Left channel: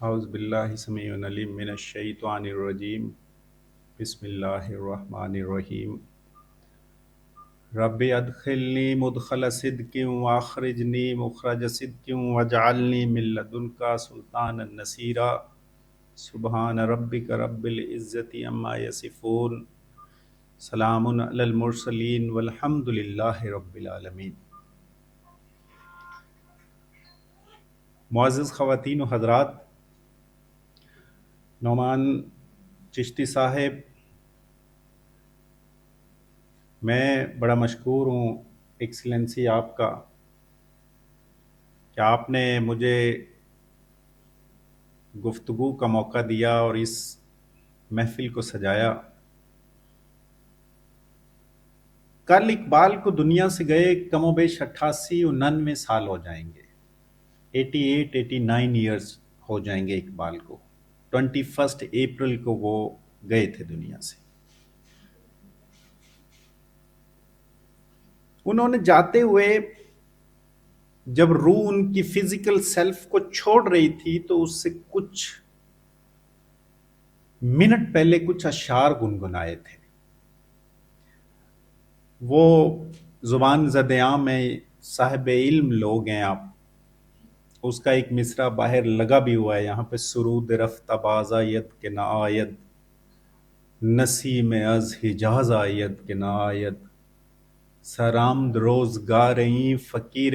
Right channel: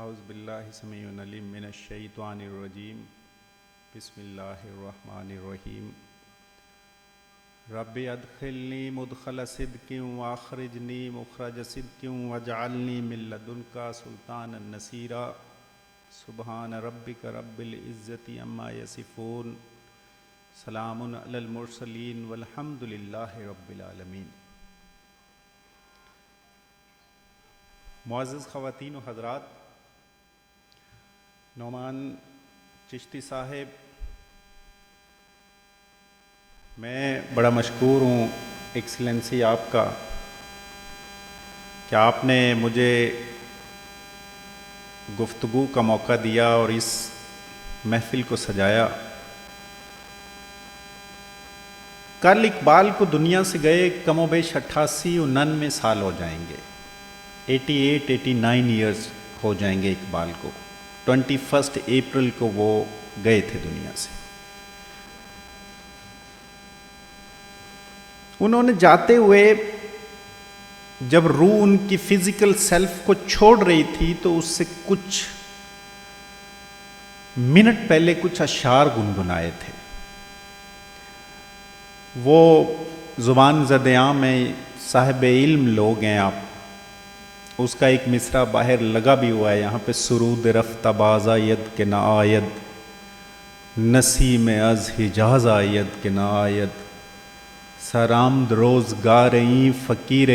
اعوذ باللہ السمیع العلیم من الشیطان الرجیم بسم اللہ الرحمن الرحیم رب ادخلنی مدخل صدق واخرجنی مخرج صدق واجعلنی من لدنک سلطانا نصیرا سبحان ربک رب العزت عما یصفون سلام علی المرسلین والحمد للہ رب العالمین۔ معزز خواتین و حضرات، نعمان چشتی صاحب، میں بڑا مشکور ہوں ایکسلنسی آپ کا کہ آپ نے مجھے گفتگو کا موقع دیا اور اس محفل کو سجایا۔ کل اقبال کو دنیا سے گئے کم و بیش 88-89 سال ہو جائیں گے، 88-89 ایئرز ہو جائیں گے اقبال کو۔ 21 اپریل کو وہ گئے تھے دنیا سے۔ انہوں نے جاتے ہوئے جب روح ان کی فزیکل سیلف کو چھوڑ رہی تھی تو اس سے کچھ منٹ پہلے کچھ اشعار گنگنائے تھے۔ وہ زبان زد عام میں صاحب علم لوگ ہیں آپ، اس کا ایک مصرع باہر لگا بھی ہوا ہے، یہاں پہ سرود رفتہ باز آیت کے نہ آیت، نسیم از حجاز آیت کے نہ آیت، سرامد روزگاریں فقیر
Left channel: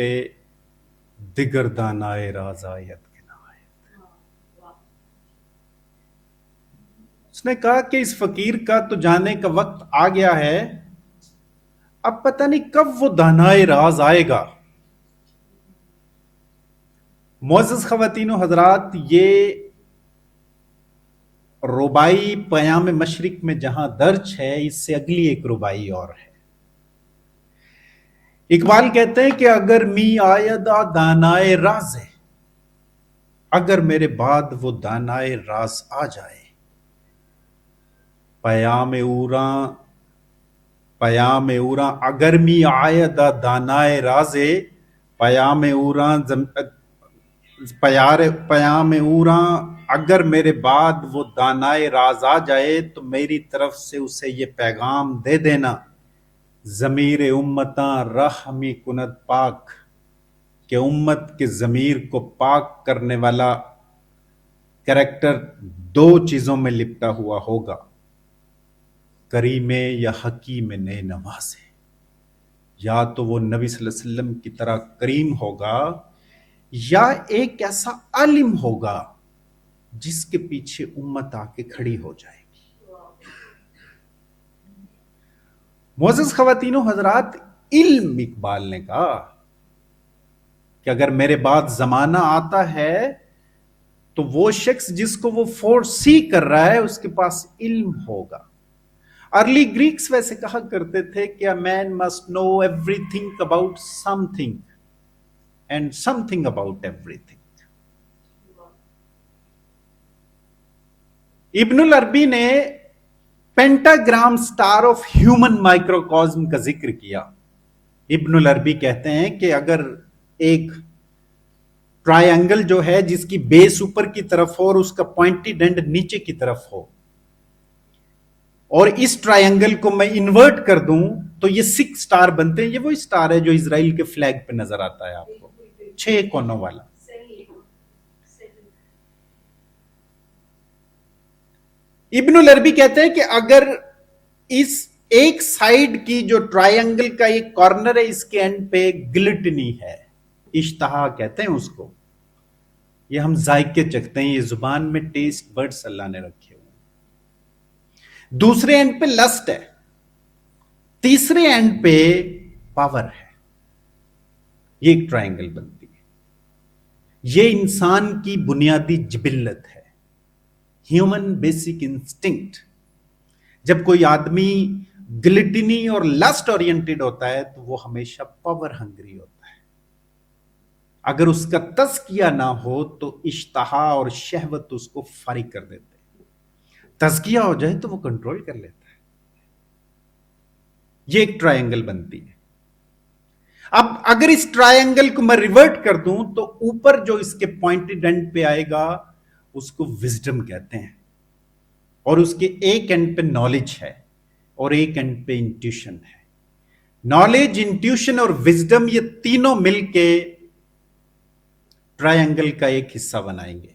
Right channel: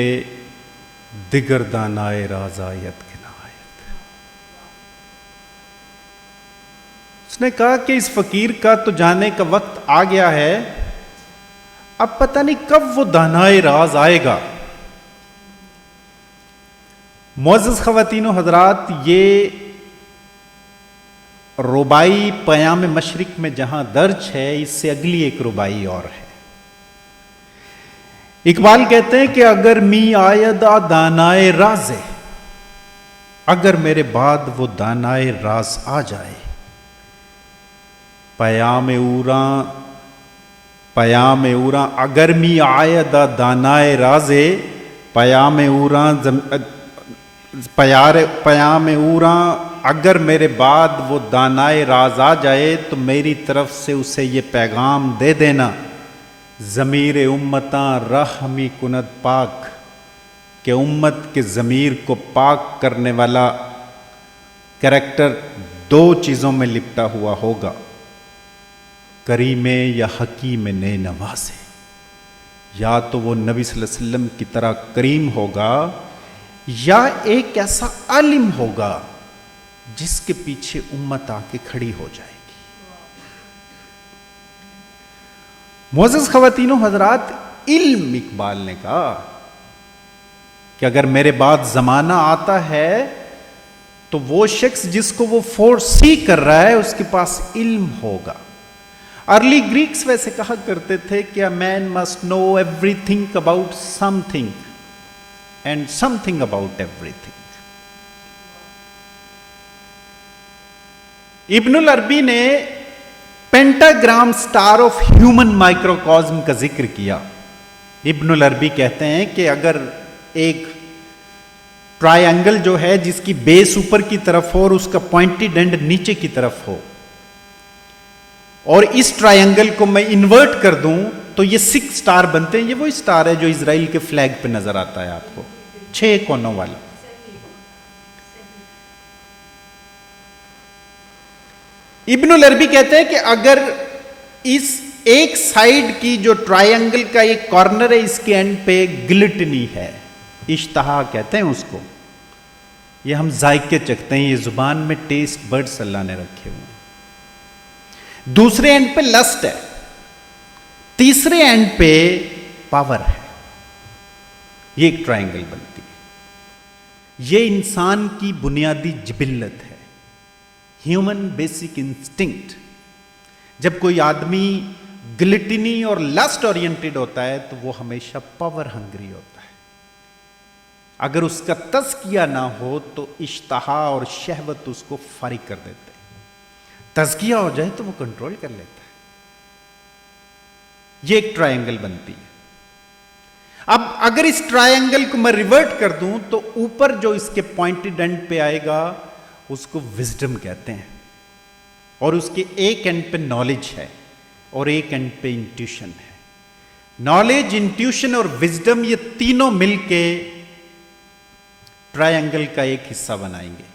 دگر دانائے راز آیت کے نہ آیت۔ اس نے کہا کہ اس فقیر کا تو جانے کا وقت آ گیا ہے، اب پتہ نہیں کب وہ دانائے راز آئے گا۔ معزز خواتین و حضرات، یہ ربائی پیام مشرق میں جہاں درج ہے، اس سے اگلی ایک ربائی اور ہے۔ اقبال کہتے ہیں کہ اگر می آیدہ دانائے راز ہے، اگر میرے بعد وہ دانائے راز آ جائے، پیام اوراں اگر می آیدہ دانائے راز ہے، پیام اوراں اگر میرے بعد وہ دانائے راز آ جائے تو میری طرف سے اسے یہ پیغام دے دینا، ضمیر امتاں رحمی کنت پاک، کہ امت کے ضمیر کو پاک کرنے والا کریکٹر دو چیزوں میں لپٹا ہوا ہوگا، کریم یا حکیم نئے نوازے۔ یا تو وہ نبی صلی اللہ علیہ وسلم کی طرح کریم ہوگا، یا ایک ایسا عالم ہوگا جس کے پیچھے امت آ کے کھڑی ہو جائے گی۔ معزز خواتین و حضرات، علم اقبال نے کہا کہ اگر میرے بعد زمانہ آتا ہے تو وہ شخص جس کو وہ فورسی کر رہا ہے اس کے پاس علم ہوگا۔ ارلی گریکس ویسے کہا کرتے تھے کہ a man must know everything about something and something about everything۔ ابن العربی نے پینٹاگرام سٹار آف ہیومن مائکروکازم کا ذکر کیا۔ ابن العربی کہتے ہیں کہ اگر ایک ٹرائی اینگل جو ہے جس کی بیس اوپر کی طرف ہو اور اس کا پوائنٹڈ اینڈ نیچے کی طرف ہو، اور اس ٹرائی اینگل کو میں انورٹ کر دوں تو یہ 6 سٹار بنتے ہیں۔ یہ وہی سٹار ہے جو اسرائیل کے فلیگ پہ نظر آتا ہے آپ کو، 6 کونوں والا۔ ابن العربی کہتے ہیں کہ اگر اس ایک سائیڈ کی جو ٹرائی اینگل کا ایک کارنر ہے، اس کے اینڈ پہ گلٹنی ہے، اشتہا کہتے ہیں اس کو، یہ ہم ذائقے چکھتے ہیں، یہ زبان میں ٹیسٹ برڈز اللہ نے رکھے ہوئے ہیں۔ دوسرے اینڈ پہ لسٹ ہے، تیسرے اینڈ پہ پاور ہے۔ یہ ایک ٹرائنگل بنتی ہے۔ یہ انسان کی بنیادی جبلت ہے، ہیومن بیسک انسٹنکٹ۔ جب کوئی آدمی گلٹنی اور لسٹ اورینٹڈ ہوتا ہے تو وہ ہمیشہ پاور ہنگری ہوتا ہے۔ اگر اس کا تزکیہ نہ ہو تو اشتہا اور شہوت اس کو فاری کر دیتے ہیں، تزکیہ ہو جائے تو وہ کنٹرول کر لیتا ہے۔ یہ ایک ٹرائنگل بنتی ہے۔ اب اگر اس ٹرائنگل کو میں ریورٹ کر دوں تو اوپر جو اس کے پوائنٹڈ اینڈ پہ آئے گا اس کو وزڈم کہتے ہیں، اور اس کے ایک اینڈ پہ نالج ہے اور ایک اینڈ پہ انٹیوشن ہے. نالج، انٹیوشن اور وزڈم یہ تینوں مل کے ٹرائنگل کا ایک حصہ بنائیں گے.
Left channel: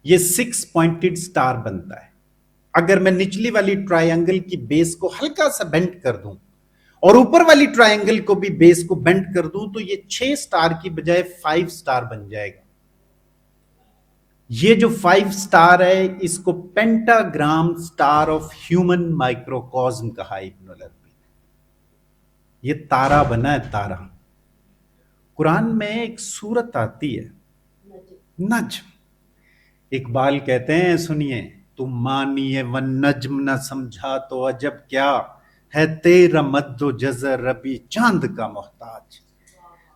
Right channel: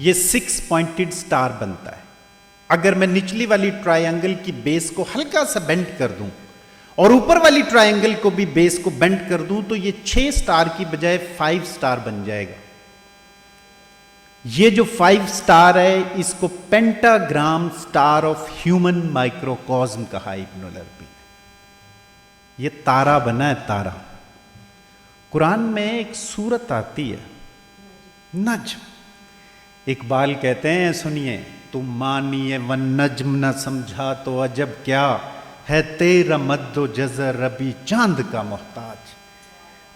یہ 6 پوائنٹڈ سٹار بنتا ہے. اگر میں نچلی والی ٹرائنگل کی بیس کو ہلکا سا بینڈ کر دوں اور اوپر والی ٹرائنگل کو بھی بیس کو بینڈ کر دوں تو یہ 6 سٹار کی بجائے 5 سٹار بن جائے گا. یہ جو 5 سٹار ہے اس کو پینٹاگرام سٹار آف ہیومن مائکروکوزم کہا ابن العربی. یہ تارا بنا ہے تارا. قرآن میں ایک سورت آتی ہے نجم. اقبال کہتے ہیں سنیے، تو مانیے والنجم نہ سمجھا تو عجب کیا ہے تیرا مد و جزر ابھی چاند کا محتاج.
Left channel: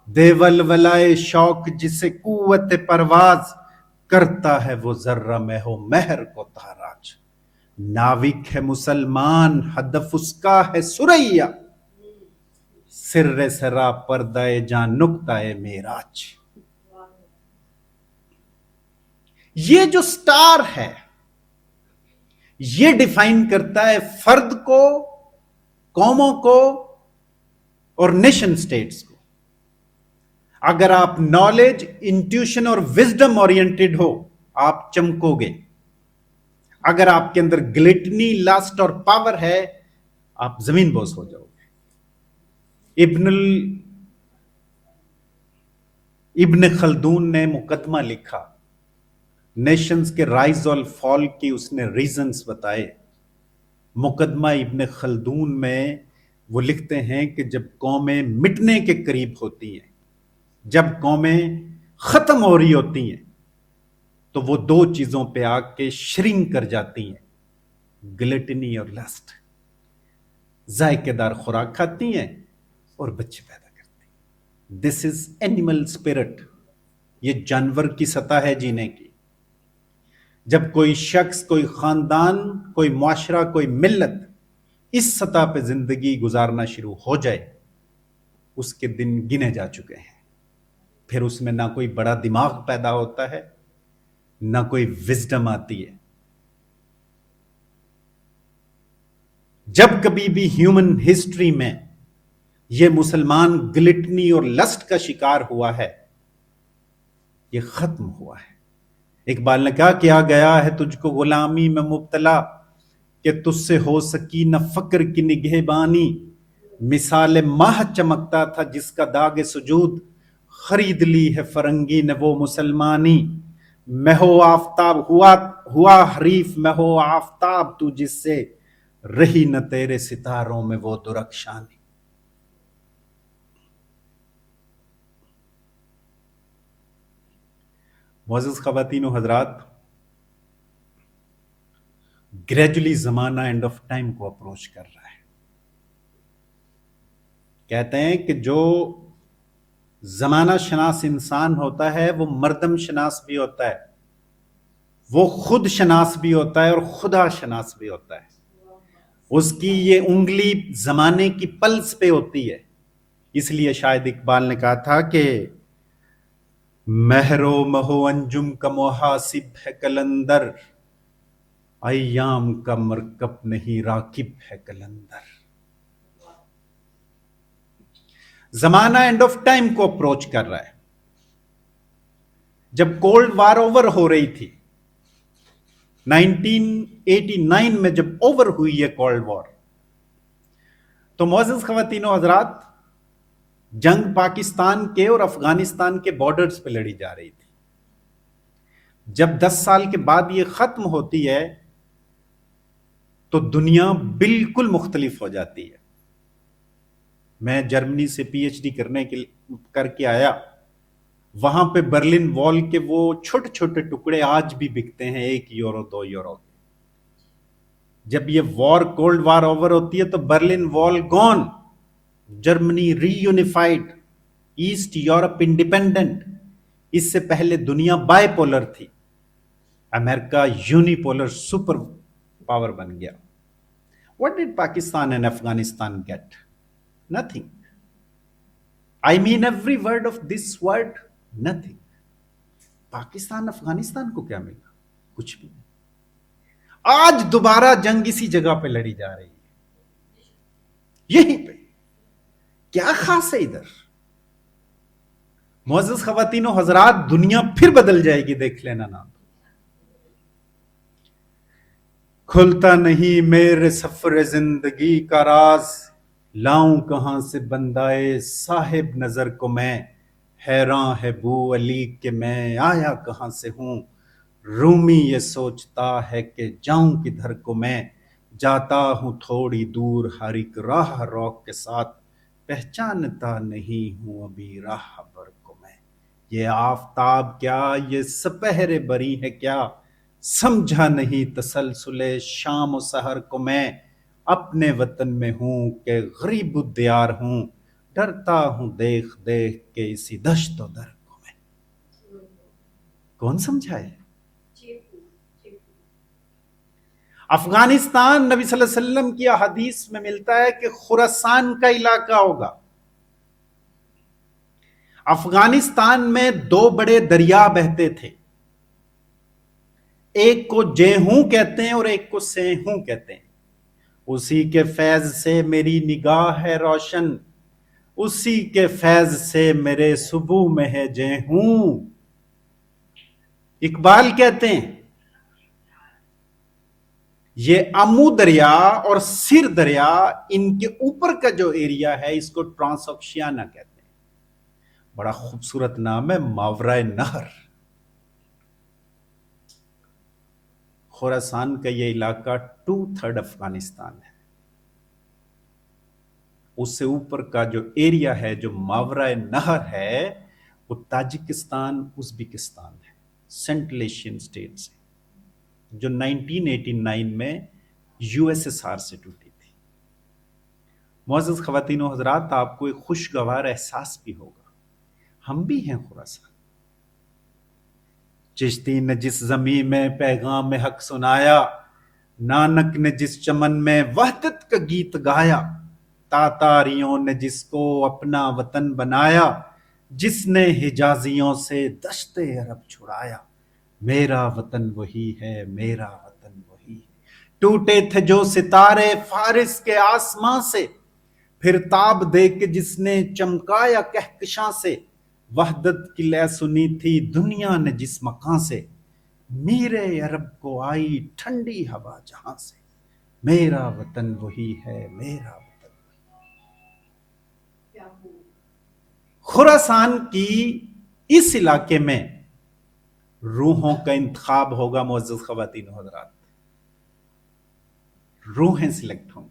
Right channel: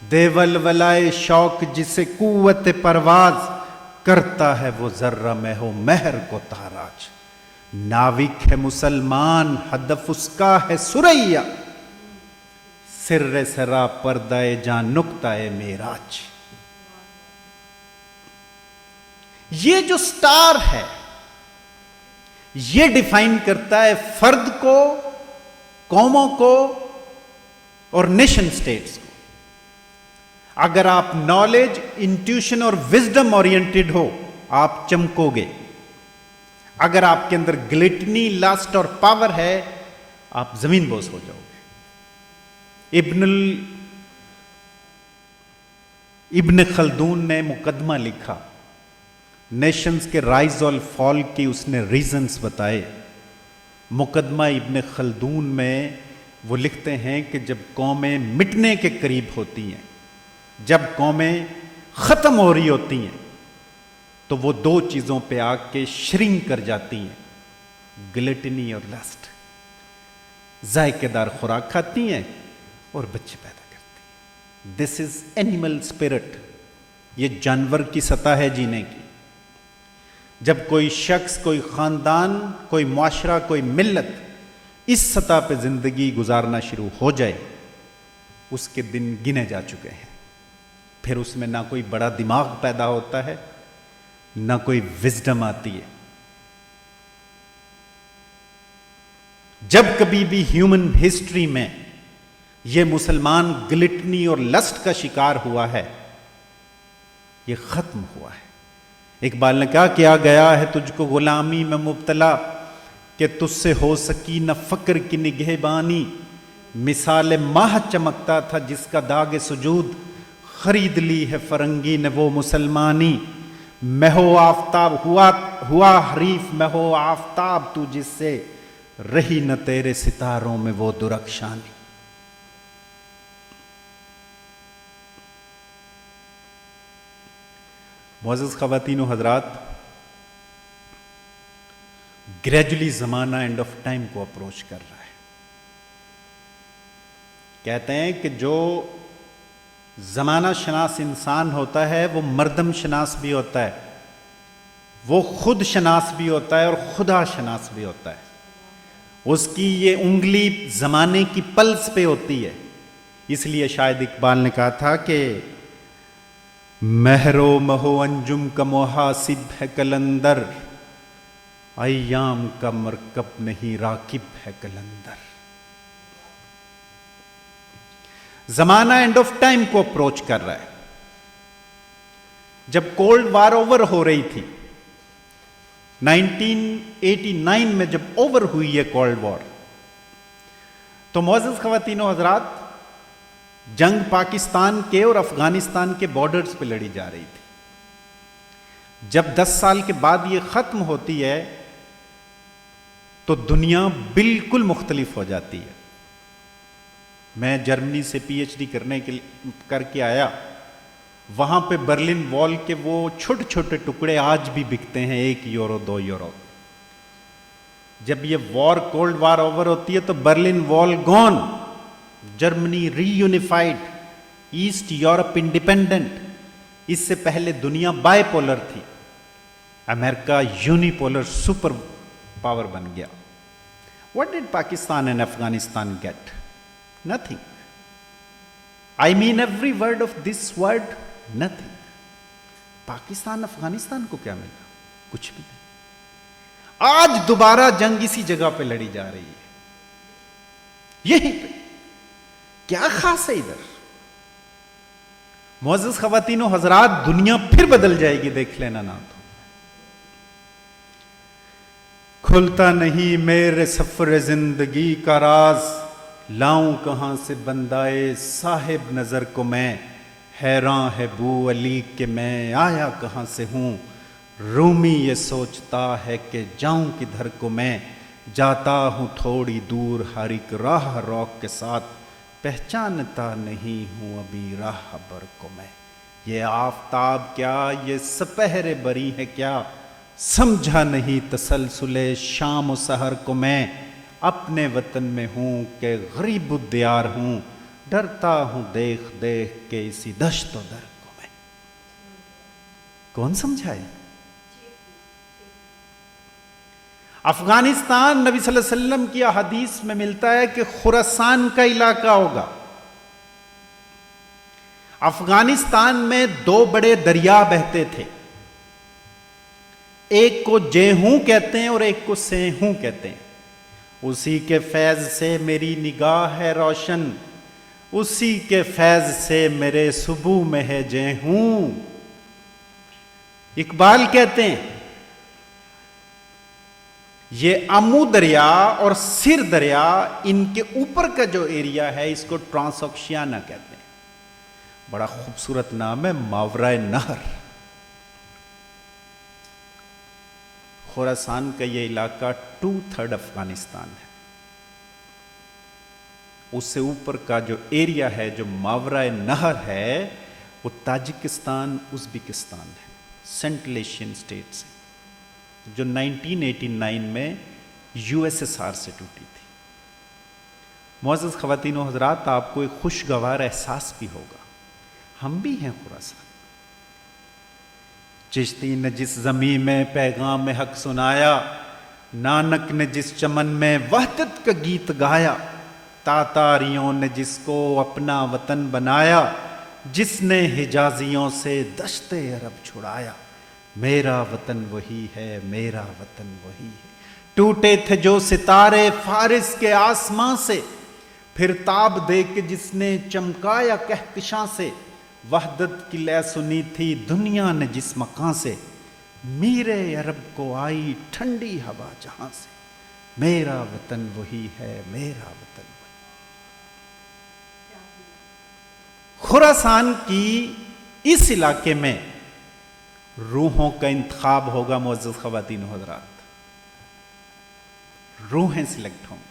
دے ولولائے شوق جسے قوت پرواز کرتا ہے وہ ذرہ میں ہو مہر کو تاراج. ناوک ہے مسلمان ہدف اس کا ہے سریا، سر سرا پردہ جاں نقطہ معراج. یہ جو سٹار ہے یہ ڈیفائن کرتا ہے فرد کو، قوموں کو اور نیشن سٹیٹس کو. اگر آپ نالج، انٹیوشن اور وزڈم اورینٹڈ ہو آپ چمکو گے. اگر آپ کے اندر گلٹنی، لسٹ اور پاور ہے آپ زمین بوس ہو جاؤ گے. ابن خلدون نے مقدمہ لکھا، نیشنز کے رائز اور فال کی اس نے ریزنز بتائے. مقدمہ ابن خلدون میں وہ لکھتے ہیں کہ جب قومیں مٹنے کے قریب ہوتی ہیں، جب قومیں ختم ہو رہی ہوتی ہیں تو وہ 2 چیزوں پہ آ کے شرنک کر جاتی ہیں، گلٹنی اور لسٹ. ذائقے دار خوراک کھاتی ہیں اور بچے پیدا کرتی ہیں. دس از اینیمل اسپرٹ. یہ جانور کی سطح ہے جینے کی. جب کوئی شخص، کوئی خاندان، کوئی معاشرہ، کوئی ملت اس سطح پہ زندگی گزارنا شروع ہو جائے اس کے دن گنے جا چکے ہیں. پھر اس میں نہ کوئی بڑا دماغ پیدا ہوتا ہے نہ کوئی وزڈم آتی ہے. جب کبھی بھی ہیومن ہسٹری میں یہ مسلمان گلٹنی اور لسٹ کا شکار ہوا ہے یہ ختم ہوا ہے. اقبال نے کہا کیا گیا ہے تجھ کو غلامی میں مبتلا کہ تجھ سے ہو سکی نہ فقر کی نگہبانی. مثال ماہ چمکتا تھا جس کا داغ سجود خرید لی ہے فرنگی نے وہ مسلمانی. میں ہو آفتاب ہوا حریف میں ہو آفتاب تو جس سے رہی نہ تیرے ستاروں میں وہ درخشانی. معزز خواتین و حضرات، گریجولی زمانہ اینڈ آف ٹائم کو اپروچ کر رہا ہے. کہتے ہیں کہ جو زمانہ شناس انسان ہوتا ہے وہ مردم شناس بھی ہوتا ہے، وہ خود شناس بھی ہوتا ہے اور خدا شناس بھی ہوتا ہے. اس کی یہ انگلی زمانے کی پلس پہ ہوتی ہے. اس لیے شاید اقبال نے کہا تھا کہ مہر و مہو انجم کا محاسب ہے کلندر، ایام کا مرکب نہیں راکب ہے کلندر. زمانہ اینڈ آف ٹائم کو اپروچ کر رہا ہے. جب کولڈ وار اوور ہو رہی تھی 1989 میں، جب اوور ہوئی ہے کولڈ وار، تو معزز خواتین و حضرات جنگ پاکستان کے اور افغانستان کے بارڈرز پہ لڑی جا رہی تھی. جب 10 سال کے بعد یہ ختم ہوتی ہے تو دنیا بالکل مختلف ہو جاتی ہے. میں جرمنی سے پی ایچ ڈی کر کے آیا. وہاں پہ برلن وال کے وہ چھوٹے چھوٹے ٹکڑے آج بھی بکتے ہیں 1 یورو 2 یورو. جب یہ وار کولڈ وار اوور ہوتی ہے تو برلن وال گون، جرمنی ری یونیفائڈ، ایسٹ یورپ انڈیپینڈنٹ. اس سے پہلے دنیا بائی پولر تھی، امریکہ یونی پولر سپر پاور بن گیا. What did Pakistan and Afghanistan get? Nothing. I mean every word of this word, nothing. Pakistan Afghanistan کو کیا ملا؟ کچھ نہیں. آج دوبارہ جنگ اسی جگہ پہ لڑی جا رہی ہے. یہی کیا خاص ہے ادھر؟ معزز خواتین و حضرات، دنیا پھر بدل جائے گی، دیکھ لینا نا. کھلتا نہیں میرے سفر زندگی کا راز، لاؤں کہاں سے بندائے صاحب نظر کو میں، حیران ہے بو علی کہ میں آیا کہاں سے ہوں، رومی یہ سوچتا ہے کہ جاؤں کدھر کو میں، جاتا ہوں تھوڑی دور ہر ایک راہ روک کے ساتھ، پہچانتا نہیں ہوں ابھی راہ بر کو میں. یہ آفتاب کیا، یہ سپہر بری ہے کیا، سمجھا نہیں تسلسل شام و سحر کو میں، اپنے وطن میں ہوں کہ غریب الدیار ہوں، ڈرتا ہوں دیکھ دیکھ کے اسی دشت و در کو میں. کون سمجھائے؟ افغانستان، نبی صلی اللہ علیہ وسلم کی حدیث میں ملتا ہے کہ خراسان کا علاقہ ہوگا. افغانستان میں دو بڑے دریا بہتے تھے، ایک کو جیہوں کہتے ہیں اور ایک کو سیہوں کہتے ہیں. اسی کے فیض سے میری نگاہ ہے روشن، اسی کے فیض سے میرے صبح میں ہے جیہوں. اقبال کہتے ہیں یہ آمو دریا اور سر دریا، ان کے اوپر کا جو ایریا ہے اس کو ٹرانس آکشیانا کہتے ہیں. بڑا خوبصورت نام ہے، ماورائے نہر. خراسان کا یہ علاقہ 2/3 افغانستان ہے. اس سے اوپر کا جو ایریا ہے جو ماورائے نہر ہے وہ تاجکستان، ازبکستان ہے، سینٹرل ایشین اسٹیٹس، جو 1989 میں USSR سے ٹوٹی تھی. معزز خواتین و حضرات، آپ کو ایک خوشگوار احساس بھی ہوگا، ہم بھی ہیں خراسان. چشتی نے جس زمین میں پیغام حق سنایا، نانک نے جس چمن میں وحدت کا گیت گایا، تاتاریوں نے جس کو اپنا وطن بنایا، جس نے حجازیوں سے دشت عرب چھڑایا، میرا وطن وہی ہے، میرا وطن وہی ہے. ٹوٹے تھے جو ستارے فارس کے آسمان سے، پھر تاب دے کے جس نے چمکایا کہکشاں سے، وحدت کی لے سنی تھی دنیا نے جس مکان سے، میرے عرب کو آئی ٹھنڈی ہوا جہاں سے، میرا وطن وہی ہے، میرا وطن وہی. خراسان کی اس علاقے میں روحوں کا انتخاب ہوگا. معزز خواتین و حضرات، روحیں سلیکٹ ہوں گی.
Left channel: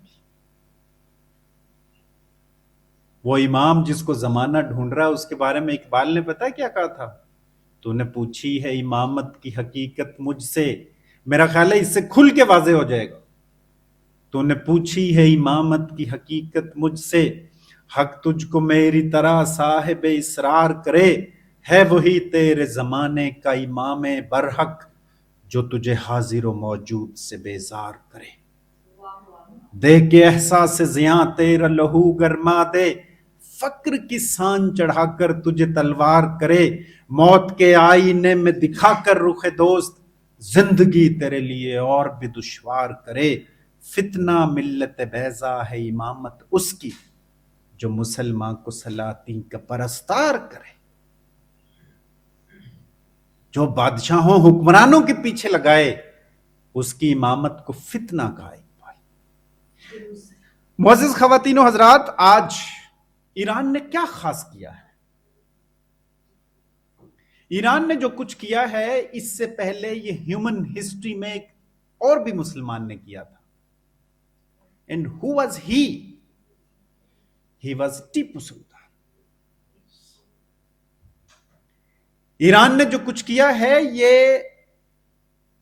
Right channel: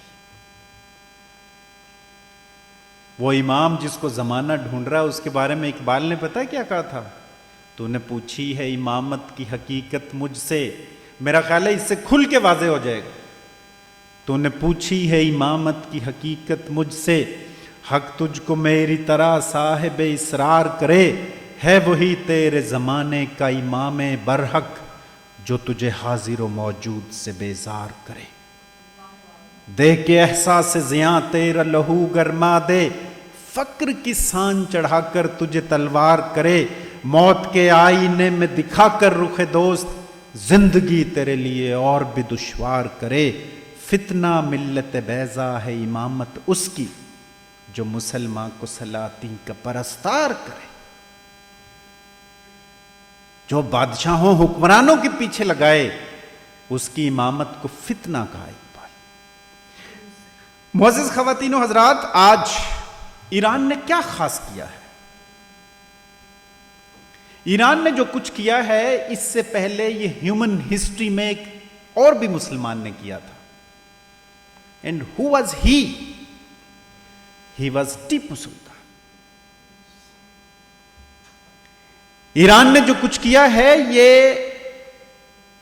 وہ امام جس کو زمانہ ڈھونڈ رہا ہے، اس کے بارے میں اقبال نے پتہ ہے کیا کہا تھا؟ تو نے پوچھی ہے امامت کی حقیقت مجھ سے، میرا خیال ہے اس سے کھل کے واضح ہو جائے گا. تو نے پوچھی ہے امامت کی حقیقت مجھ سے، حق تجھ کو میری طرح صاحب اسرار کرے، ہے وہی تیرے زمانے کا امام برحق، جو تجھے حاضر و موجود سے بیزار کرے. دے کے احساس زیاں تیرا لہو گرما دے، فقر کی سان چڑھا کر تجھے تلوار کرے، موت کے آئینے میں دکھا کر رخ دوست، زندگی تیرے لیے اور بھی دشوار کرے. فتنہ ملت بیضا ہے امامت اس کی، جو مسلمان کو سلاطین کا پرستار کرے. جو بادشاہوں حکمرانوں کے پیچھے لگائے، اس کی امامت کو فتنہ کہا. معزز خواتین و حضرات، آج ایران نے کیا خاص کیا ہے؟ ایران نے جو کچھ کیا ہے، اس سے پہلے یہ ہیومن ہسٹری میں ایک اور بھی مسلمان نے کیا تھا. And who was he? He was Tipu Sultan. Iran نے جو کچھ کیا ہے، یہ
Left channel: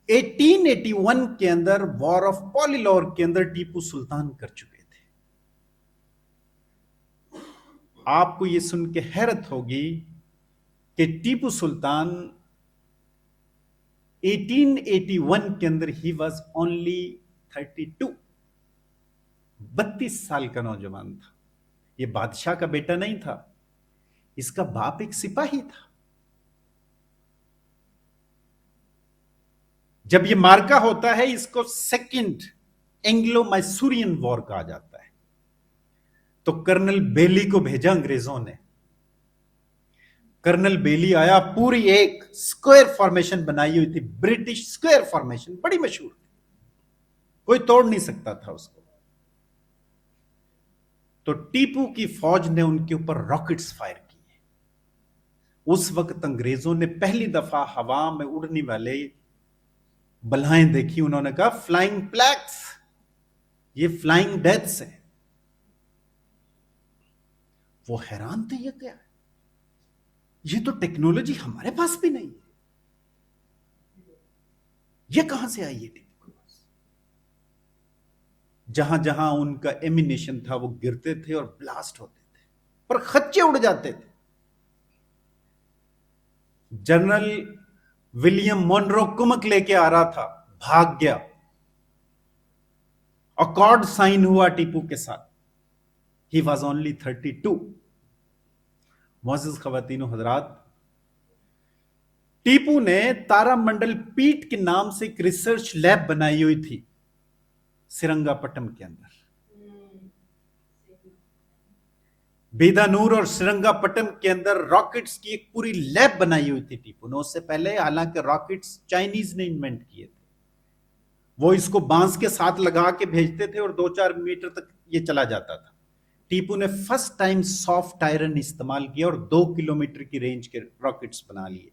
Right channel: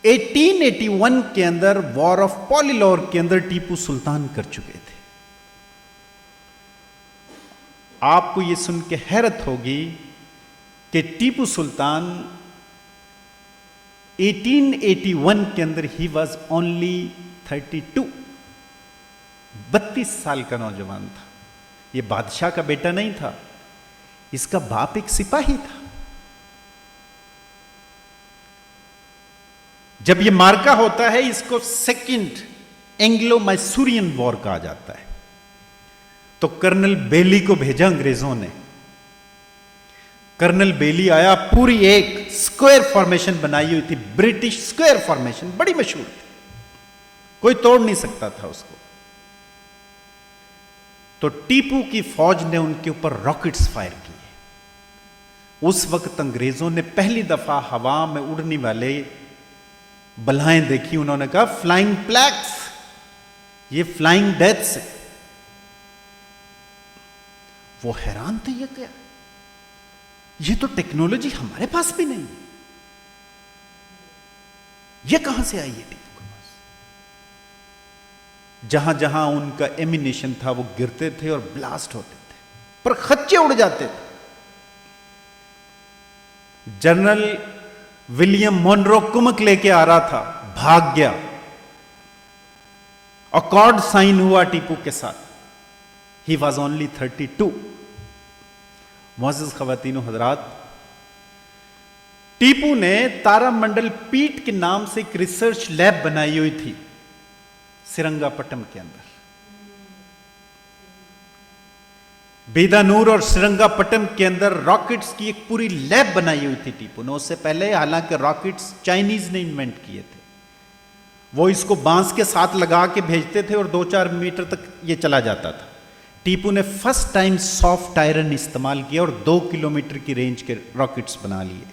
1881 کے اندر وار آف پولیلور کے اندر ٹیپو سلطان کر چکے تھے. آپ کو یہ سن کے حیرت ہوگی کہ ٹیپو سلطان 1881 کے اندر ہی واز اونلی 32، 32 سال کا نوجوان تھا. یہ بادشاہ کا بیٹا نہیں تھا، اس کا باپ ایک سپاہی تھا. جب یہ مارکا ہوتا ہے اس کو سیکنڈ اینگلو میسورین وار کہا جاتا ہے. تو کرنل بیلی کو بھیجا انگریزوں نے. کرنل بیلی آیا, پوری ایک سکوئر فارمیشن بنائی ہوئی تھی, برٹش سکوئر فارمیشن, بڑی مشہور تھی, کوئی توڑ نہیں سکتا تھا اس کو. تو ٹیپو کی فوج نے ان کے اوپر راکٹس فائر کیے. اس وقت انگریزوں نے پہلی دفعہ ہوا میں اڑنے والے بلائیں دیکھی. انہوں نے کہا فلائنگ پلیگس, یہ فلائنگ ڈیتھس ہے. وہ حیران تھے, یہ کیا, یہ تو ٹیکنالوجی ہمارے پاس بھی نہیں, یہ کہاں سے آئی ہے. جہاں جہاں ان کا ایمینیشن تھا وہ گرتے تھے اور بلاسٹ ہوتے تھے, پر خرچے اڑ جاتے تھے. جنرل ولیم مونرو کمک لے کے آ رہا تھا, بھاگ گیا. اکارڈ سائن ہوا ٹیپو کے ساتھ. He was only 32. معزز خواتین و حضرات, ٹیپو نے تارا منڈل پیٹ کے نام سے ایک ریسرچ لیب بنائی ہوئی تھی سرنگا پٹم کے اندر. بیدانور اور سرنگا پٹم کے اندر راکٹس کی ایک پوری لیب بنائی ہوئی تھی ٹیپو نے. اس سے پہلے حالانکہ راکٹس چائنیز نے انوینٹ کیے تھے, وہ اس کو بانس کے ساتھ لگا کے بھیجتے تھے اور 2-4 میٹر تک یہ چلا جاتا تھا. ٹیپو نے فرسٹ ٹائم سافٹ آئرن استعمال کیا اور 2 کلومیٹر کی رینج کے راکٹس بنا لیے.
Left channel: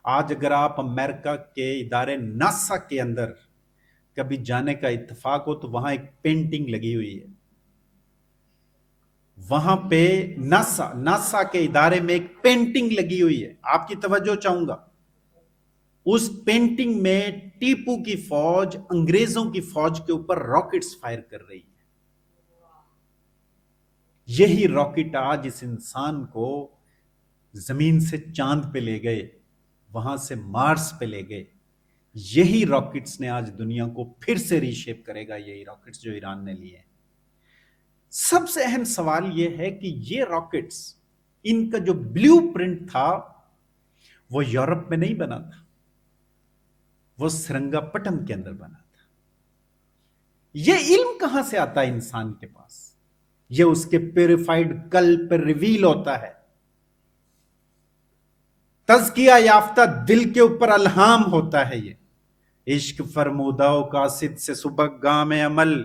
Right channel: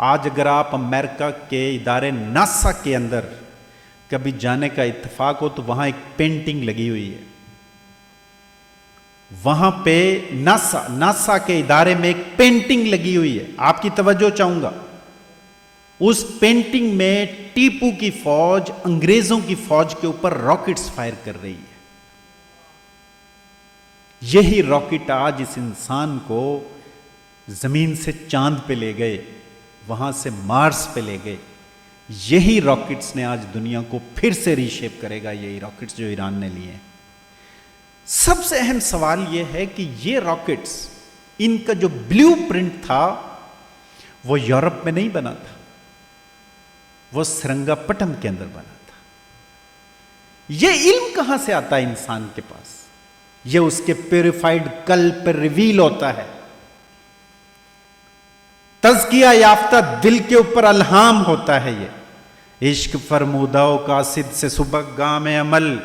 آج اگر آپ امریکہ کے ادارے ناسا کے اندر کبھی جانے کا اتفاق ہو تو وہاں ایک پینٹنگ لگی ہوئی ہے. وہاں پہ ناسا کے ادارے میں ایک پینٹنگ لگی ہوئی ہے, آپ کی توجہ چاہوں گا. اس پینٹنگ میں ٹیپو کی فوج انگریزوں کی فوج کے اوپر راکٹس فائر کر رہی ہے. یہی راکٹ آج اس انسان کو زمین سے چاند پہ لے گئے, وہاں سے مارس پہ لے گئے. یہی راکٹس نے آج دنیا کو پھر سے ری شیپ کرے گا, یہی راکٹس جو ایران نے لیے ہیں. سب سے اہم سوال یہ ہے کہ یہ راکٹس, ان کا جو بلیو پرنٹ تھا وہ یورپ میں نہیں بنا تھا, وہ سرنگا پٹم کے اندر بنا تھا. یہ علم کہاں سے آتا ہے انسان کے پاس؟ یہ اس کے پیوریفائڈ قلب پر ریویل ہوتا ہے. تزکیہ یافتہ دل کے اوپر الہام ہوتا ہے. یہ عشق فرمودہ و قاصد سے صبح گام عمل,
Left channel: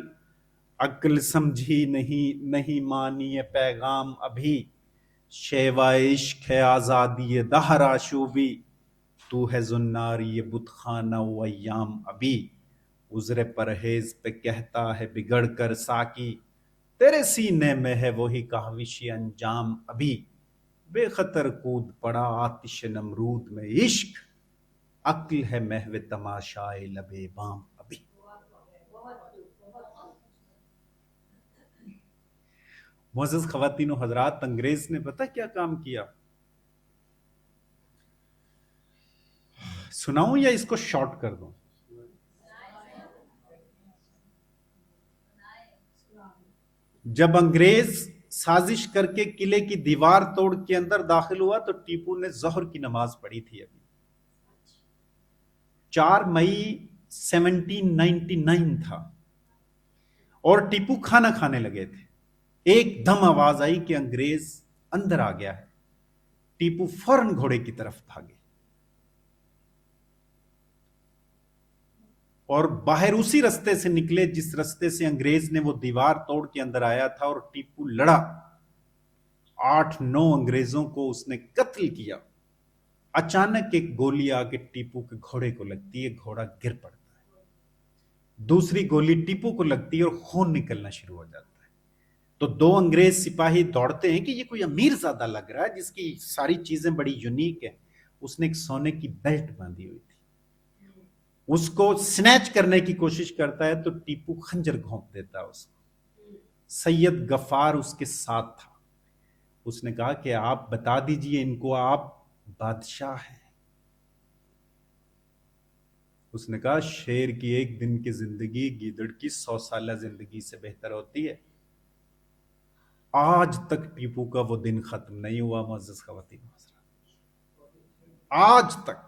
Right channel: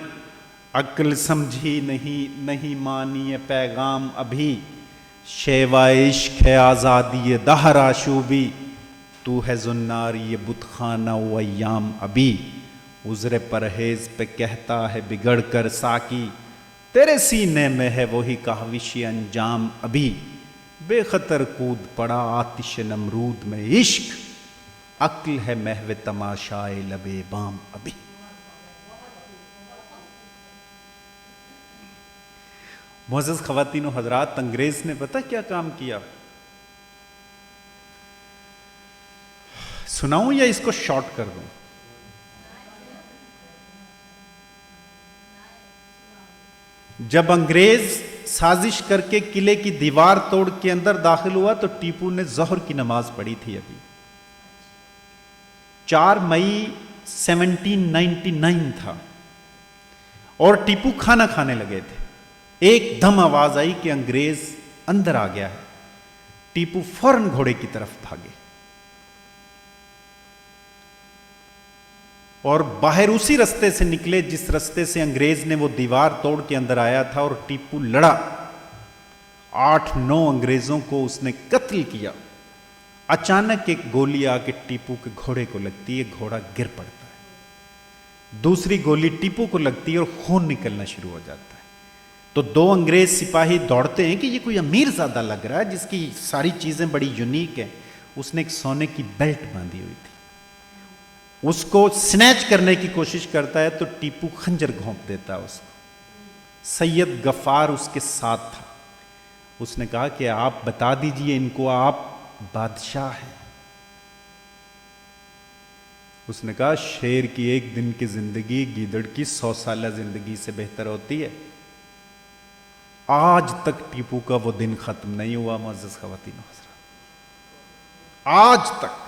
عقل سمجھی نہیں مانی پیغام ابھی. شیوا عشق ہے آزادی دہر آشوبی, تو ہے زناری یہ بت خانہ و ایام ابھی. عذر پرہیز پہ کہتا ہے بگڑ کر ساکی, تیرے سینے میں ہے وہی کاوشی انجام ابھی. بے خطر کود پڑا آتش نمرود میں عشق, عقل ہے محو تماشائے لبے بام ابھی. معزز خواتین و حضرات, انگریز نے پتہ کیا کام کیا؟ سناؤں یا اس کو شارٹ کر دوں؟ جب انگریز سازش کر کے قلعے کی دیوار توڑ کے اندر داخل ہوا تو ٹیپو نے ظہر کی نماز پڑھی تھی. ابھی 4 مئی 1799 تھا اور ٹیپو کھانا کھانے لگے تھے. ایک دم آواز آئی کہ انگریز اندر آ گیا ہے. ٹیپو فوراً گھوڑے کی طرف بھاگے اور باہر اسی رستے سے نکلے جس رستے سے انگریز نے وہ دیوار توڑ کے اندر آیا تھا, اور ٹیپو لڑا. 8-9 انگریزوں کو اس نے قتل کیا. اچانک ایک گولی آ کے ٹیپو کے گھوڑے کو لگتی ہے, گھوڑا گر پڑتا ہے. دوسری گولی ٹیپو کو لگتی ہے اور خون نکلنا شروع ہو جاتا ہے. تو 2 انگریز سپاہی دوڑتے ہیں کہ یہ کوئی امیر زادہ لگ رہا ہے جس کی ساری چیزیں بڑی یونیک ہے. اس نے ایک سونے کی بیلٹ باندھی ہوئی تھی, اس کو سنیچ کرنے کی کوشش کرتا ہے تو ٹیپو خنجر گھونپ دیتا ہے اس کو. سید غفار اس کے ساتھ تھا. اس نے کہا کہ آپ بتا دیجئے ان کو آپ بادشاہ ہیں. اس نے کہا شیر کی 1 دن کی زندگی گیدڑ کی 100 سالہ زندگی سے بہتر ہوتی ہے. آج تک ٹیپو کا وہ دن ختم نہیں ہوا. معزز خواتین و حضرات, آج تک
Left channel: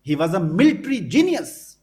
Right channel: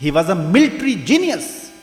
he was a military genius,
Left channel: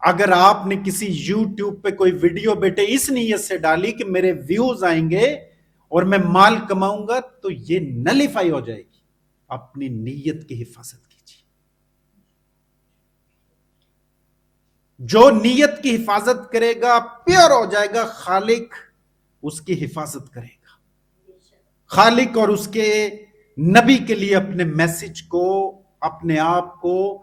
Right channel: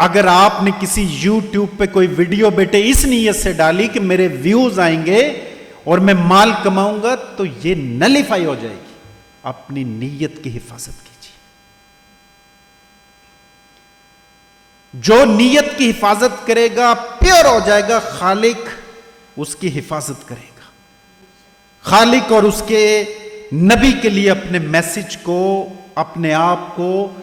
اگر آپ نے کسی یوٹیوب پہ کوئی ویڈیو بیٹے اس نیت سے ڈالی کہ میرے ویوز آئیں گے اور میں مال کماؤں گا تو یہ نلیفائی ہو جائے گی. اپنی نیت کی حفاظت کیجیے. جو نیت کی حفاظت کرے گا پیور ہو جائے گا. خالق اس کی حفاظت کرے گا. خالق اور اس کے نبی کے لیے اپنے میسج کو, اپنے آپ کو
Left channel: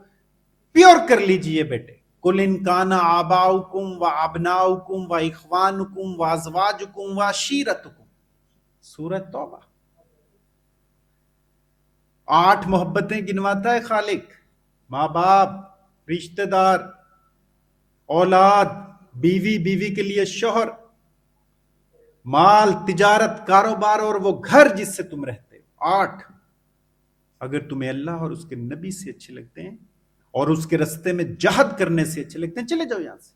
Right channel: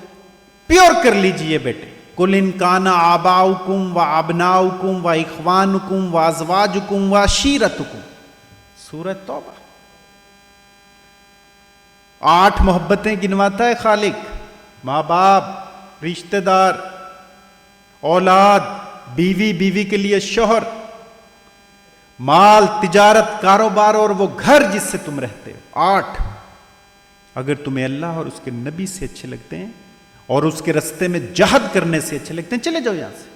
پیور کر لیجئے بیٹے. قُلْ إِنْ كَانَ آبَاؤُكُمْ وَأَبْنَاؤُكُمْ وَإِخْوَانُكُمْ وَأَزْوَاجُكُمْ وَعَشِيرَتُكُمْ. سورۃ توبہ. 8 محبتیں گنواتا ہے خالق. ماں باپ, رشتہ دار, اولاد, بیوی, بیوی کے لیے شوہر, مال, تجارت, کاروبار اور وہ گھر جس سے تم رہتے ہو. 8. اگر تمہیں اللہ اور اس کے نبی سے اچھے لگتے ہیں اور اس کے رستے میں جہاد کرنے سے اچھے لگتے ہیں, چلے جاؤ یہاں سے.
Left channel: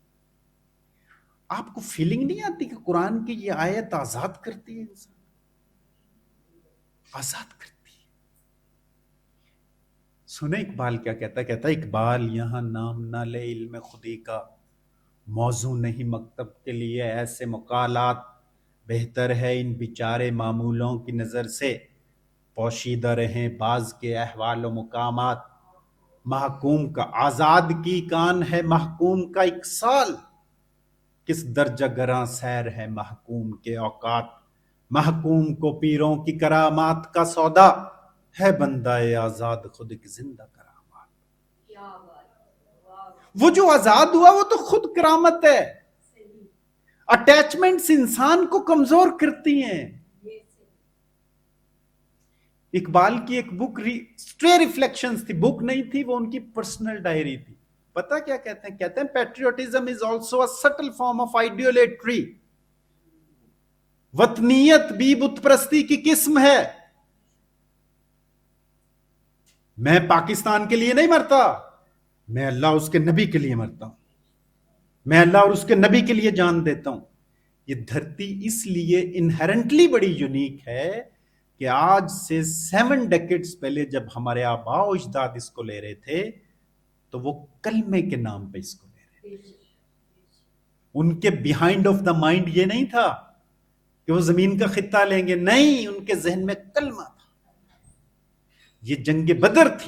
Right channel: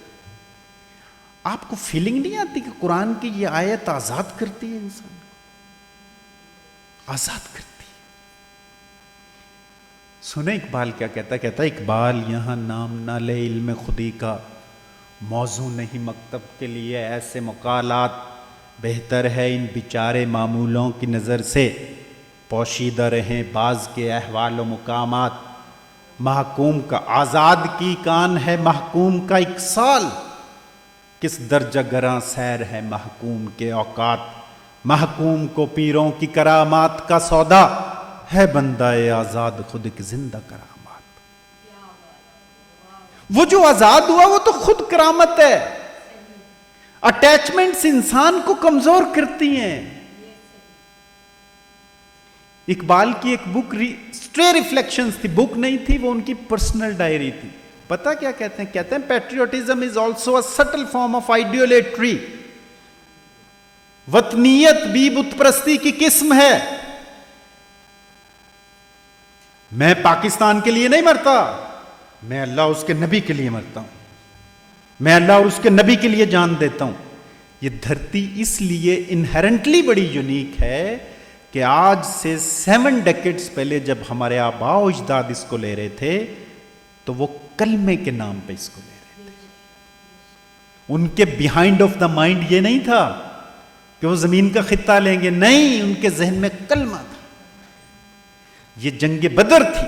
آپ کو فیلنگ نہیں آتی کہ قرآن کی یہ آیت آزاد کرتی ہے انسان کو, آزاد کرتی ہے. سنیں اقبال کیا کہتا ہے. کہتا ہے اقبال یہاں نام نہ لے علم خودی کا, موضوع نہیں مکتب کے لیے ایسے مقالات, بہتر ہے ان بیچارے معمولوں کی نظر سے پوشیدہ رہیں بعض کے احوال و مقامات. محکوم کا آزادگی کان ہے محکوم کا 1 سال, کس درجہ گراں سیر ہے محکوم کے اوقات. محکوم کو پیروں کی کرامات کا سودا ہے بندہ آزاد خود ایک زندہ کرامات. وہ جو آزاد ہوا وہ تو خود کرامت ہے. اٹیچمنٹس انسان کو کمزور کرتی ہیں. اقبال کی ایک بک اسٹرے ریفلیکشنز تھی, بک نہیں تھی, وہ ان کی پرسنل ڈائری تھی. پتہ کیا کہتے ہیں؟ کہتے ہیں patriotism is also a subtle form of idolatry. وطنیت بھی بت پرستی کی قسم ہے. میں پاکستان کے لیے نہیں مرتا, میں اللہ اور اس کے نبی کے لیے مرتا ہوں. میں اللہ اور اس کے نبی کے لیے جان دیتا ہوں. یہ دھرتی اس لیے انہیرنٹلی بڑی یونیک ہے کہ آج سے 7 ڈیکیڈز پہلے جب ہمارے آباء و اجداد اس کو لے رہے تھے تو وہ کلمے کے نام پہ اس کو لے رہے تھے. ان کے بیہائنڈ آف دا مائنڈ یہ نہیں تھا کہ وہ زمین کا خطہ لیں گے, نہیں, ان کے ذہن میں کلمہ تھا. یہ جنگ بدر تھی,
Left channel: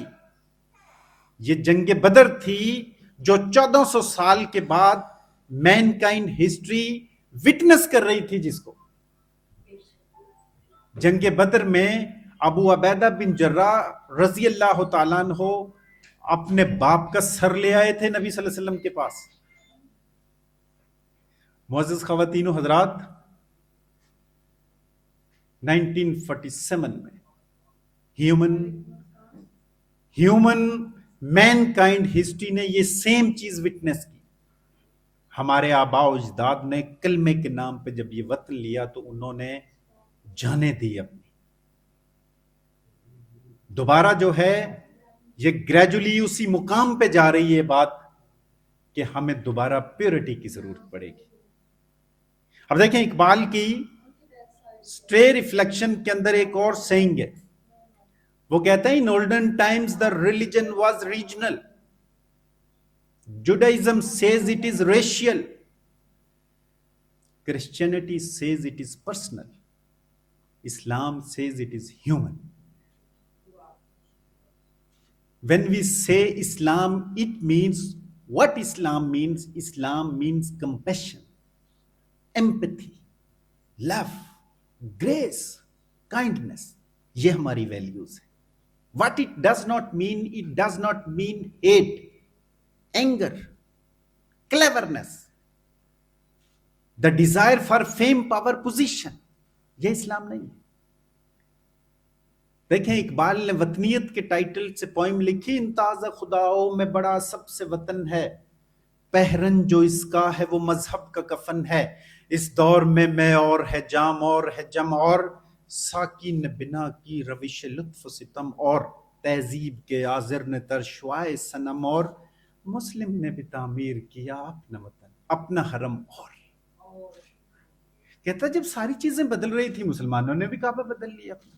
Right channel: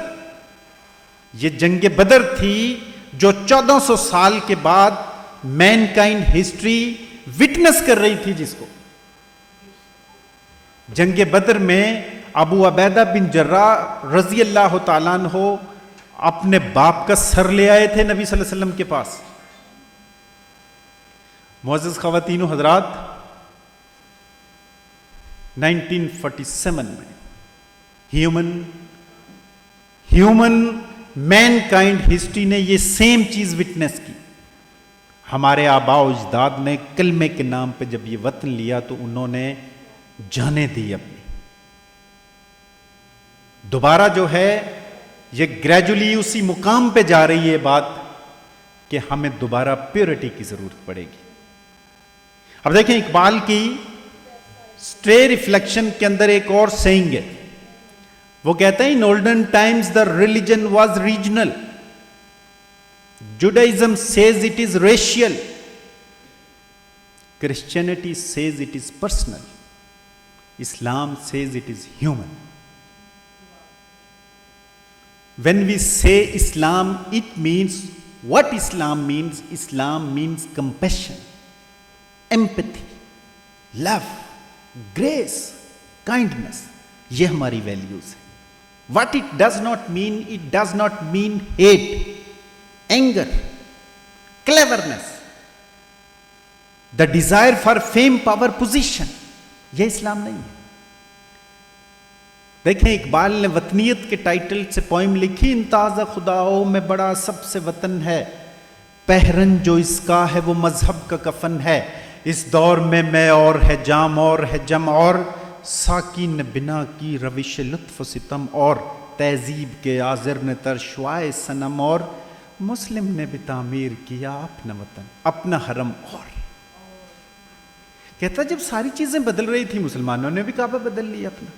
یہ جنگ بدر تھی جو 1400 سال کے بعد مین کائنڈ ہسٹری وٹنس کر رہی تھی. جس کو جنگ بدر میں ابو عبیدہ بن جراح رضی اللہ تعالیٰ عنہ اپنے باپ کا سر لے آئے تھے نبی صلی اللہ علیہ وسلم کے پاس. معزز خواتین و حضرات, 1947 میں ہیومن مین کائنڈ ہسٹری نے یہ سیم چیز وٹنس کی. ہمارے آباء و اجداد نے کلمے کے نام پہ جب یہ وطن لیا تو انہوں نے جانے دی اپنی. دوبارہ جو ہے یہ گریجولی اسی مقام پہ جا رہی ہے بات کہ ہمیں دوبارہ پیورٹی کی ضرورت پڑے گی. اب دیکھیں اقبال کی اسٹرے ریفلیکشن کے اندر ایک اور سینگ ہے. وہ کہتا ہے in olden times the religion was regional. Judaism says it is racial. Christianity says it is personal. Islam says it is human. When we say Islam, it means what Islam means. Islam means compassion, empathy, love, grace, kindness. یہ ہماری values ہیں. What it does not mean hate, anger, cleverness, the desire for fame, power, position. یہ اسلام نہیں ہے. دیکھیں اقبال نے وطنیت کے title سے پوئم لکھی. انتاز خداؤ میں بڑا سب سے وطن ہے, پہرن جو اس کا ہے وہ مذہب کا کفن ہے. اس دور میں اور ہے جام اور ہے جم اور, ساکی نے بنا کی روش لطف و ستم اور, تہذیب کے آذر نے ترشوائے صنم اور, مسلم نے بھی تعمیر کیا اپنا وطن اپنا حرم اور. کہتا جب ساری چیزیں بدل رہی تھی مسلمانوں نے بھی کعبہ بدل لیا اپنا.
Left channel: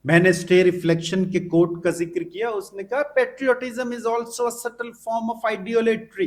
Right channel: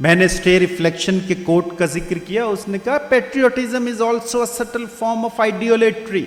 میں نے اسٹے ریفلیکشن کے کوٹ کا ذکر کیا. اس نے کہا patriotism is also a subtle form of idolatry.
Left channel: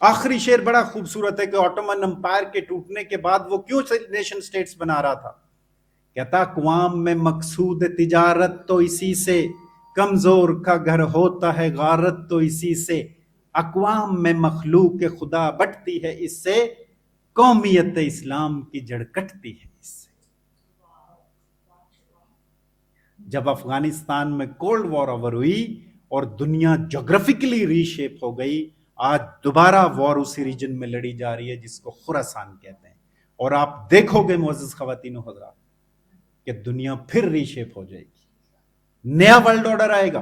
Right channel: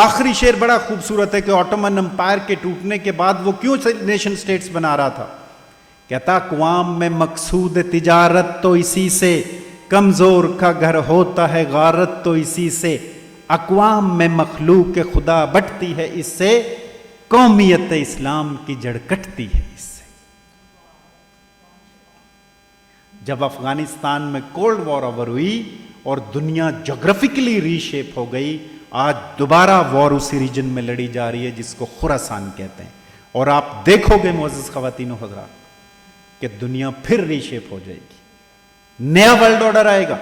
آخری شعر بڑا خوبصورت ہے کہ آٹومن امپائر کے ٹوٹنے کے بعد وہ کیوں نیشن سٹیٹس بنا رہا تھا. کہتا اقوام میں مقصود تجارت تو اسی سے، کمزور کا گھر ہوتا ہے غارت تو اسی سے، اقوام میں مخلوق خدا بٹتی ہے اس سے، قومیت اسلام کی جڑ کٹتی ہے اس سے. جب افغانستان میں کولڈ وار اوور ہوئی اور دنیا جغرافیکلی ری شیپ ہو گئی، آج دوبارہ وار اسی ریجن میں لڑی جا رہی ہے جس کو خراسان کہتے ہیں. اور آپ دیکھو گے معزز خواتین و حضرات کہ دنیا پھر ری شیپ ہو جائے گی، نیا ورلڈ آرڈر آئے گا.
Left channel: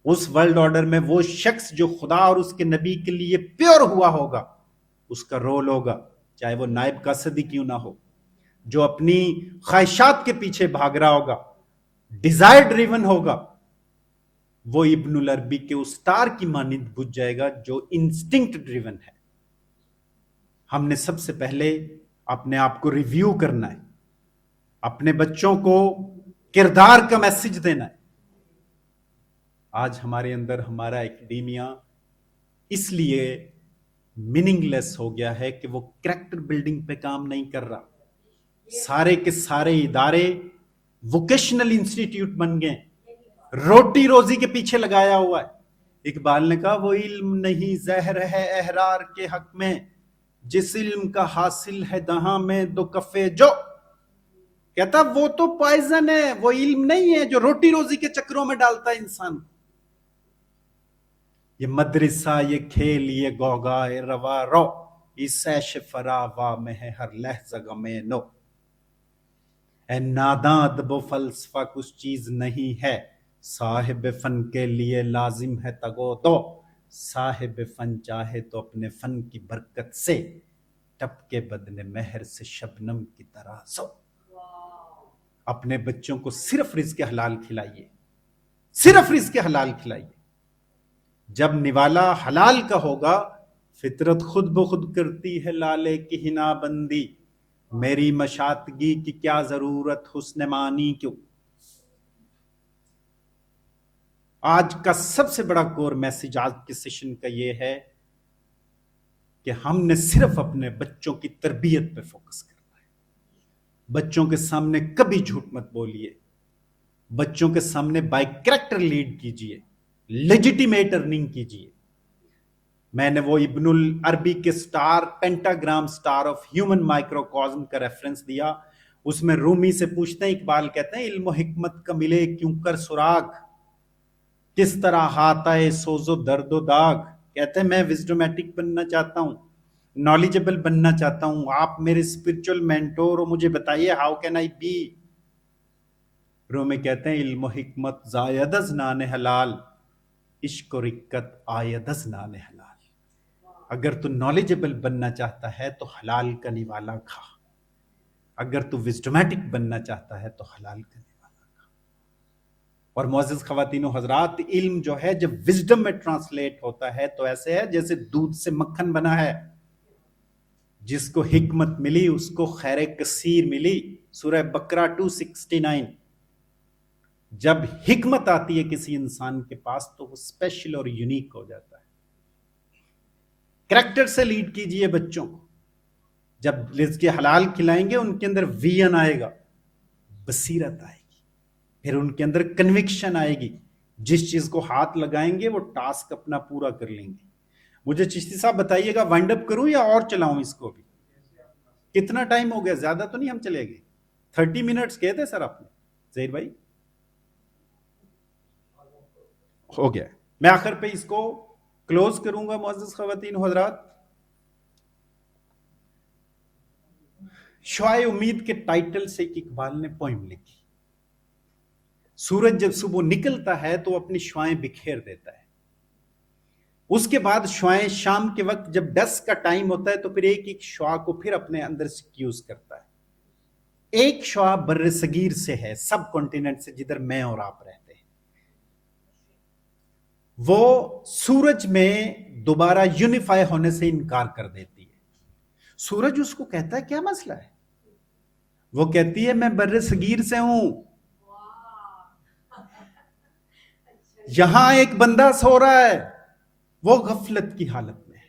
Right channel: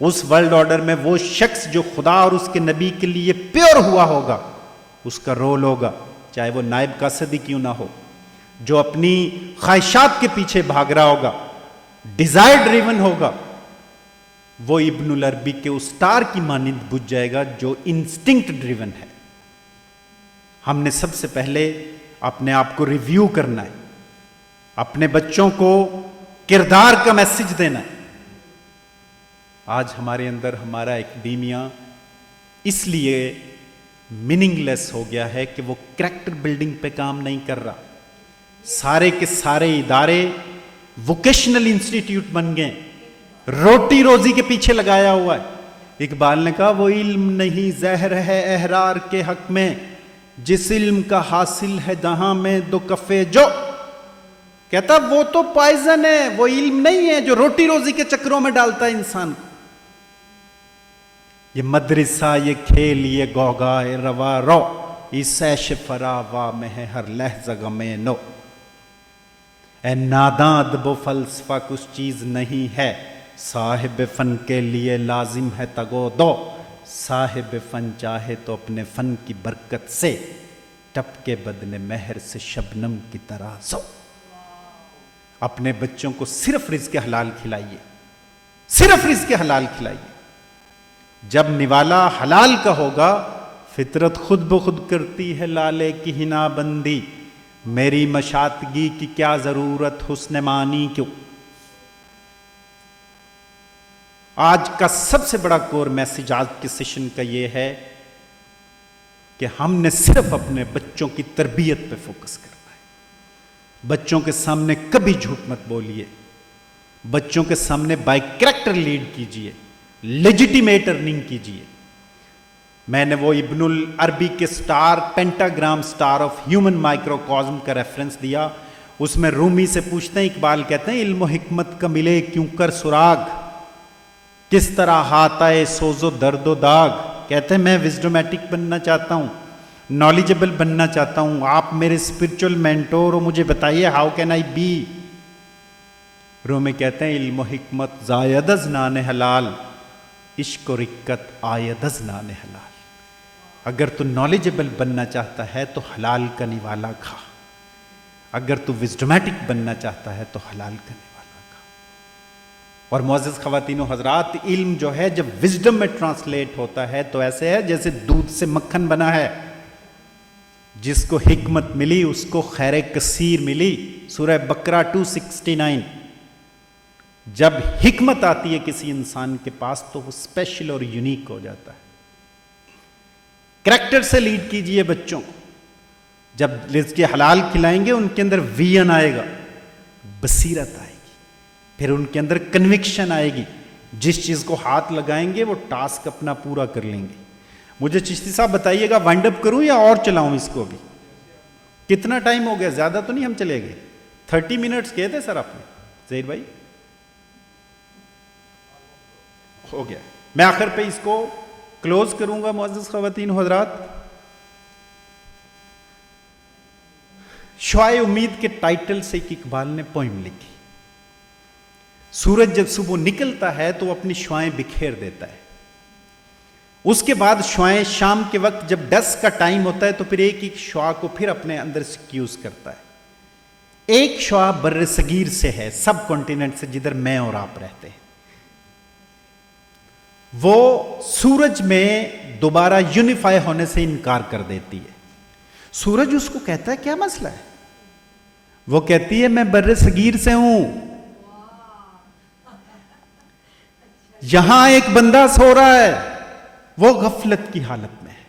اس ورلڈ آرڈر میں وہ شخص جو خدا اور اس کے نبی کے لیے پیور ہوا ہوگا، اس کا رول ہوگا، چاہے وہ نائب قاصدی کیوں نہ ہو، جو اپنی خواہشات کے پیچھے بھاگ رہا ہوگا، ڈیزائر ڈریون ہوگا، وہ ابن العربی کے اس سٹار کی مانند بجھ جائے گا جو انسٹنکٹ ڈریون ہے. ہم نے سب سے پہلے اپنے آپ کو ریویو کرنا ہے، اپنے بچوں کو کردار کا میسج دینا ہے. آج ہمارے اندر ہمارا ایکڈیمیا اس لیے میننگ لیس ہو گیا ہے کہ وہ کریکٹر بلڈنگ پہ کام نہیں کر رہا. سارے کے سارے ادارے ووکیشنل انسٹیٹیوٹ بن گئے، روٹی روزی کے پیچھے لگایا ہوا ہے. اقبال نے کہا وہ علم نہیں زہر ہے احرار کے حق میں، جس علم کا حاصل ہے دہاں میں دو کفے جو. کہتا وہ تو پائزن ہے، وہ علم نہیں ہے جو روٹی روزی کے چکروں میں ڈالتا ہے انسان کو. یہ مدرسہ، یہ کھیل، یہ گوگائے روا رو، اس عیش فراوا میں ہے ہر لحظہ غم نو. اے ناداں ادب و فلسفہ کچھ چیز نہیں ہے، صاحب فن کے لیے لازم ہے تگو دو. صاحب فن چاہے تو اپنے فن کی برکت سے، ٹپ کے بدن مہر سے شبنم کی طرح سو. اپنے بچوں کو صرف رزق حلال کھلائیے، صرف رزق حلال کھلائیے. جب نوالا حلال کا ہوگا، فطرت خود بخود کرتی ہے لالے کی ہنا بندی. میری مشاطگی کی کیا ضرورت حسن معنی کیوں. آج کا سب سے بڑا کور میسج آج کے سیشن کا یہ ہے کہ ہم نے صرف اپنے بچوں کی تربیت پہ فوکس کرنا ہے. بچوں کے سامنے کبھی جھوٹ مت بولیے، بچوں کے سامنے بائی کریکٹر لیڈ کیجئے، لیجیٹیمیٹ ارننگ کیجئے. میں نے وہ ابن العربی کے سٹار، پینٹاگرام سٹار آف ہیومن مائکروکازم کا ریفرنس دیا. اس میں رومی سے پوچھتے ہیں، اقبال کہتے ہیں علم و حکمت کا ملے کیوں کر سراغ، کس طرح ہاتھ آئے سوز و درد و داغ. کہتے ہیں میں وزڈومیٹک بننا چاہتا ہوں، نالجبل بننا چاہتا ہوں، آپ میرے اسپرچول مینٹور ہو، مجھے بتائیے ہاؤ کین آئی بی. رومی کہتے ہیں علم و حکمت زاید از نان حلال، عشق و رکت آید از نان حلال. اگر تو نالجبل بننا چاہتا ہے تو حلال کا نوالا کھا، اگر تو وزڈومیٹک بننا چاہتا ہے تو حلال کا نوالا کھا. اور معزز خواتین و حضرات، علم جو ہے جب وزڈم میں ٹرانسلیٹ ہوتا ہے تو ایسے ہے جیسے دودھ سے مکھن بنا ہے. جس کو حکمت ملی اس کو خیر کثیر ملی. سورہ بقرہ 269. جب حکمت آتی ہے کسی انسان کے پاس تو وہ اسپیشل اور یونیک ہو جاتا ہے. کریکٹر سے لیڈ کیجئے بچوں. جب رزق حلال کھلائیں گے ان کے اندر ویژن آئے گا، بصیرت آئے گی، پھر ان کے اندر کنوکشن آئے گی. جس چیز کو ہاتھ لگائیں گے وہ ٹاسک اپنا پورا کر لیں گے. مجھے چشتی صاحب بتائیے گا وائنڈ اپ کروں یا اور چلاؤں اس کو؟ بھی کتنا ٹائم ہو گیا؟ زیادہ تو نہیں ہم چلے گئے؟ 30 منٹس کہے تھے سر آپ نے. زید بھائی ہو گیا. میں آخر پہ اس کو کلوز کروں گا. معزز خواتین و حضرات، شعاع امید کے ٹائٹل سے ایک اقبال نے پوئم لکھی. سورج جب صبح نکلتا ہے تو اپنی شعائیں بکھیر دیتا ہے. اس کے بعد شعائیں شام کے وقت جب ڈسک کا ٹائم ہوتا ہے تو پھر ایک ایک شعاع کو پھر اپنے اندر سیکیوز کرتا ہے. ایک شعاع بر صغیر سے ہے، سب کانٹیننٹ سے، جدھر میں اور آپ رہتے ہیں. وہ سورج میں دوبارہ یونیفائی ہونے سے انکار کر دیتی ہے. سورج اس کو کہتا ہے کیا مسئلہ ہے؟ وہ کہتی ہے میں بر صغیر سے ہوں، یہاں ایک بندہ سو رہا ہے، وہ غفلت کی حالت میں ہے.